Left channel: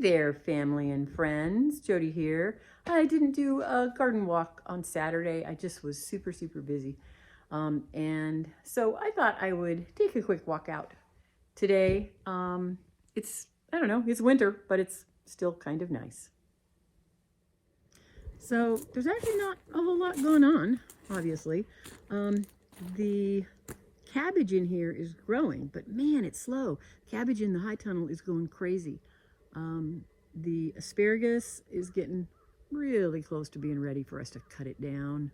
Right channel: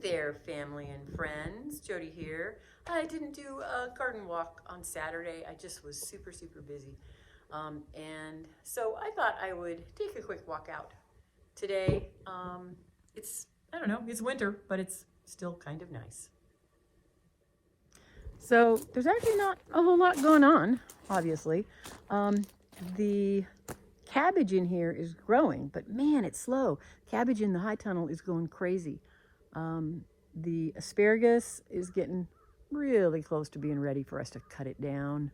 there, family and friends. Jody here. I didn't do a garden walk on Saturday. I just was super busy. And so I thought I would take a quick walk out today. I don't know, it's winter, but it's still kind of nice. So there's actually not a whole lot going on, obviously. The cabbage in here is growing, but man, it's slow. Cabbage in the high tunnel is going crazy. The asparagus is getting really close to being ready for us to cut it down,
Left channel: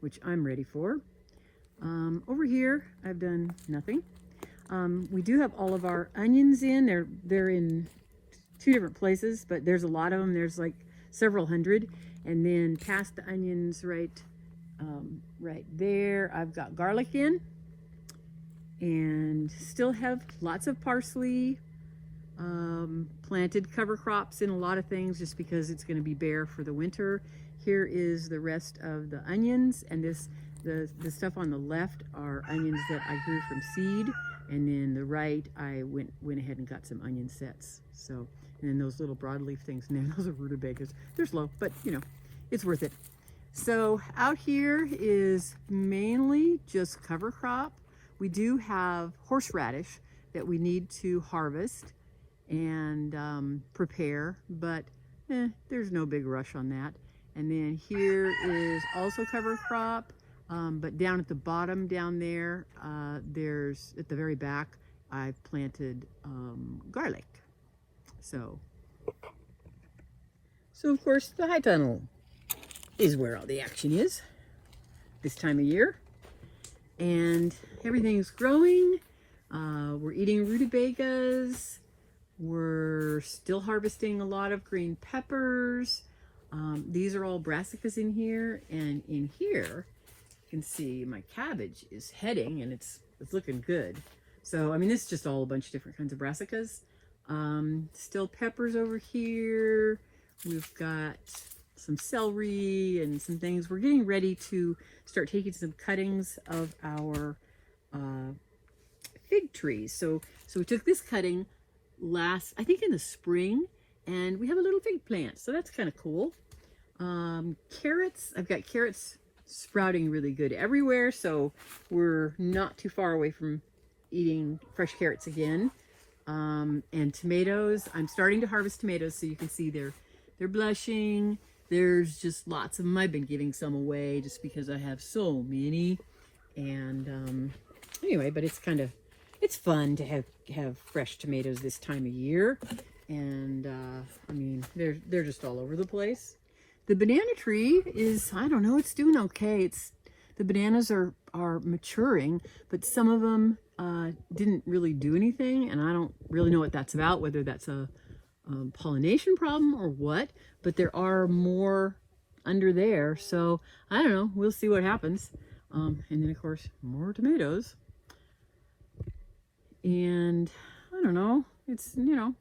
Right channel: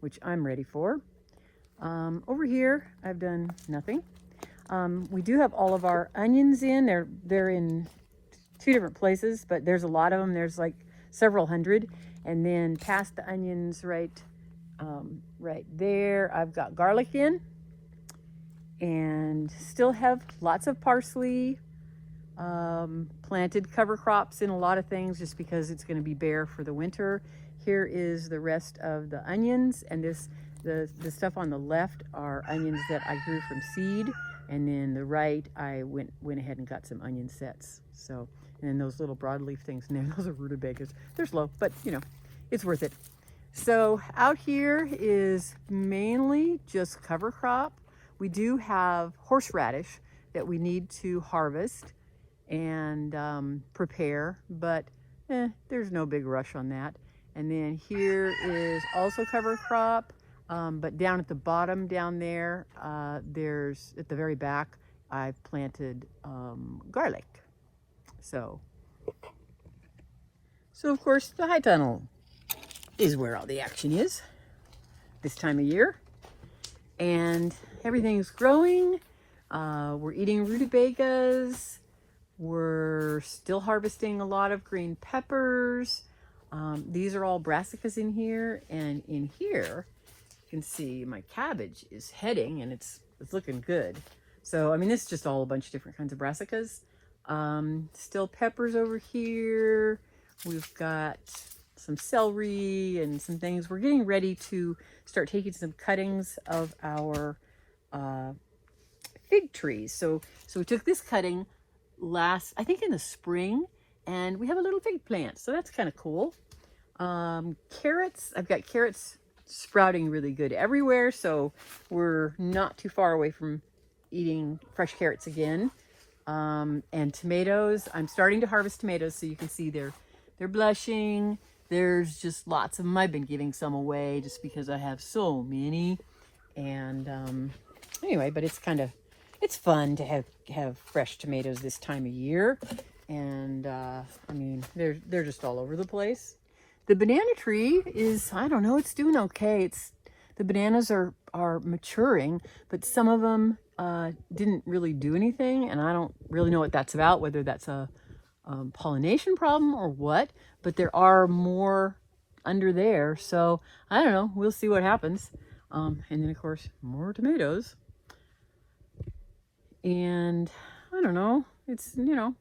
which I'm ready for. Over here, I've done nothing. We do have all of our onions in. They're in two different places, but there's a lot of them. There's like several hundred. And then past the onions, right there, I've got garlic in, and still have lots of parsley. Planted cover crops in a lot of things just because it's going to be bare for the winter. Here is the rest of the onions, and the stuff on the left are onions that I grew from seed, and then the right I went ahead and got some onion sets. So, and then those little broadleaf things in there, those are rutabagas. They're slow, but you know, it's worth it. So out here is mainly just cover crop. We do have horseradish that we need to harvest and prepare, but there's no big rush on that. And then here is also cover crop, but down at the bottom down there, there's at the very back, I've planted garlic. So of course the high tunnel is where all the action is this time of year, and everything's growing. We're eating rutabagas. We're still harvesting a lot of green peppers. These are all brassicas in here, and in here you can see my cabbage is heading, and it's looking good. So I mean, it's just all a bunch of different kinds of brassicas. Still peppers over here. We've got some celery and some things. We're getting ready to start taking some cuttings of our fig trees. So we took this cutting I think in the spring, and we have a little fig plant, so that's kind of cool. Carrots, I've got carrots sprouting really good everywhere, so we're not too far away from eating fresh carrots again. And tomatoes, I'm starting to harvest tomatoes, so you can see they're blushing. There's just lots of them. I've been giving some away just because I have so many. And anyway, but it's fun to have fresh tomatoes this time of year. And I mean, they're just all over the place. The banana tree is, I don't know, it's doing okay. The bananas are maturing, but some of them didn't really do anything, and I don't really know what that's about, whether that's a pollination problem or what, but there are more under there, so I don't know, we'll see what happens. And then of course more tomatoes, and I don't know, it's, you know,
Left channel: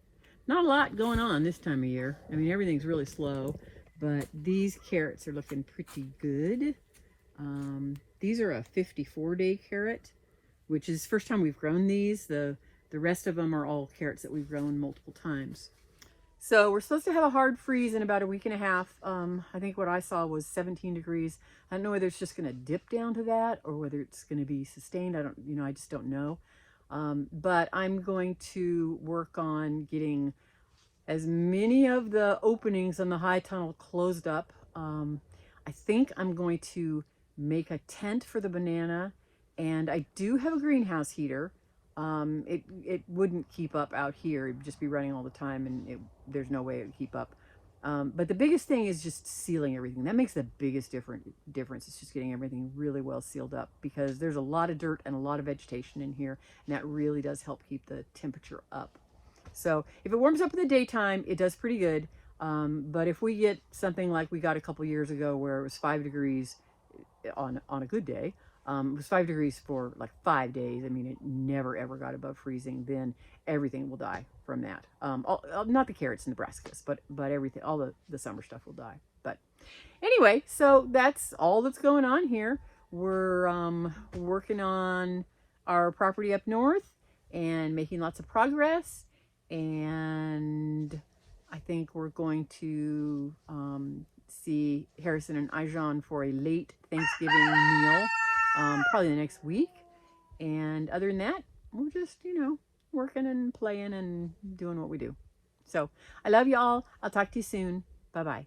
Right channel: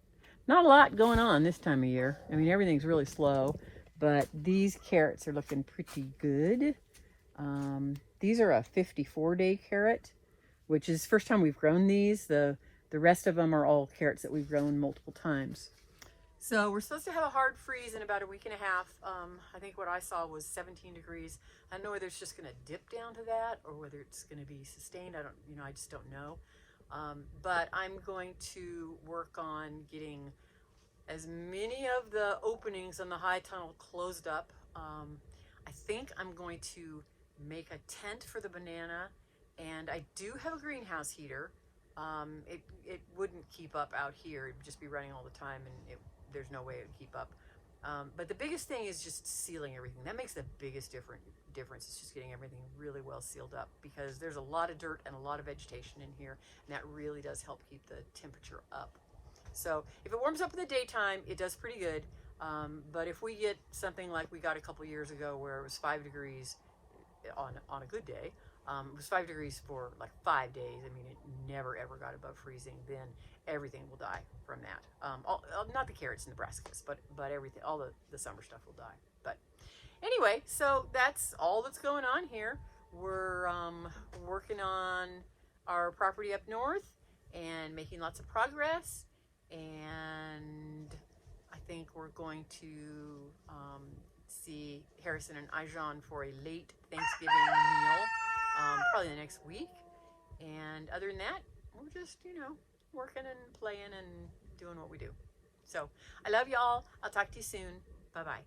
not a lot going on this time of year. I mean, everything's really slow, but these carrots are looking pretty good. These are a 54-day carrot, which is the first time we've grown these. The rest of them are all carrots that we've grown multiple times. So we're supposed to have a hard freeze in about a week and a half. I think what I saw was 17 degrees. I don't know whether it's just going to dip down to that or whether it's going to be sustained. I just don't know. But I'm going to work on getting as many of the openings on the high tunnel closed up. I think I'm going to make a tent for the banana, and I do have a greenhouse heater. It wouldn't keep up out here. It'd just be running all the time, and there's no way it would keep up. But the biggest thing is just sealing everything. That makes the biggest difference. It's just getting everything really well sealed up, because there's a lot of dirt and a lot of vegetation in here, and that really does help keep the temperature up. So if it warms up in the daytime, it does pretty good. But if we get something like we got a couple years ago where it was 5 degrees on a good day, it was 5 degrees for like 5 days. I mean, it never ever got above freezing. Then everything will die from that. Not the carrots and the brassicas, but everything, all the summer stuff will die. But anyway, so that's all that's going on here. We're working on our property up north and making lots of progress. And I think we're going to see Harrison and Ijon for a late Thanksgiving meal, probably the next week. And other than that, we're just, working and playing and doing what we do. So I love you all. I'll talk to you soon. Bye-bye.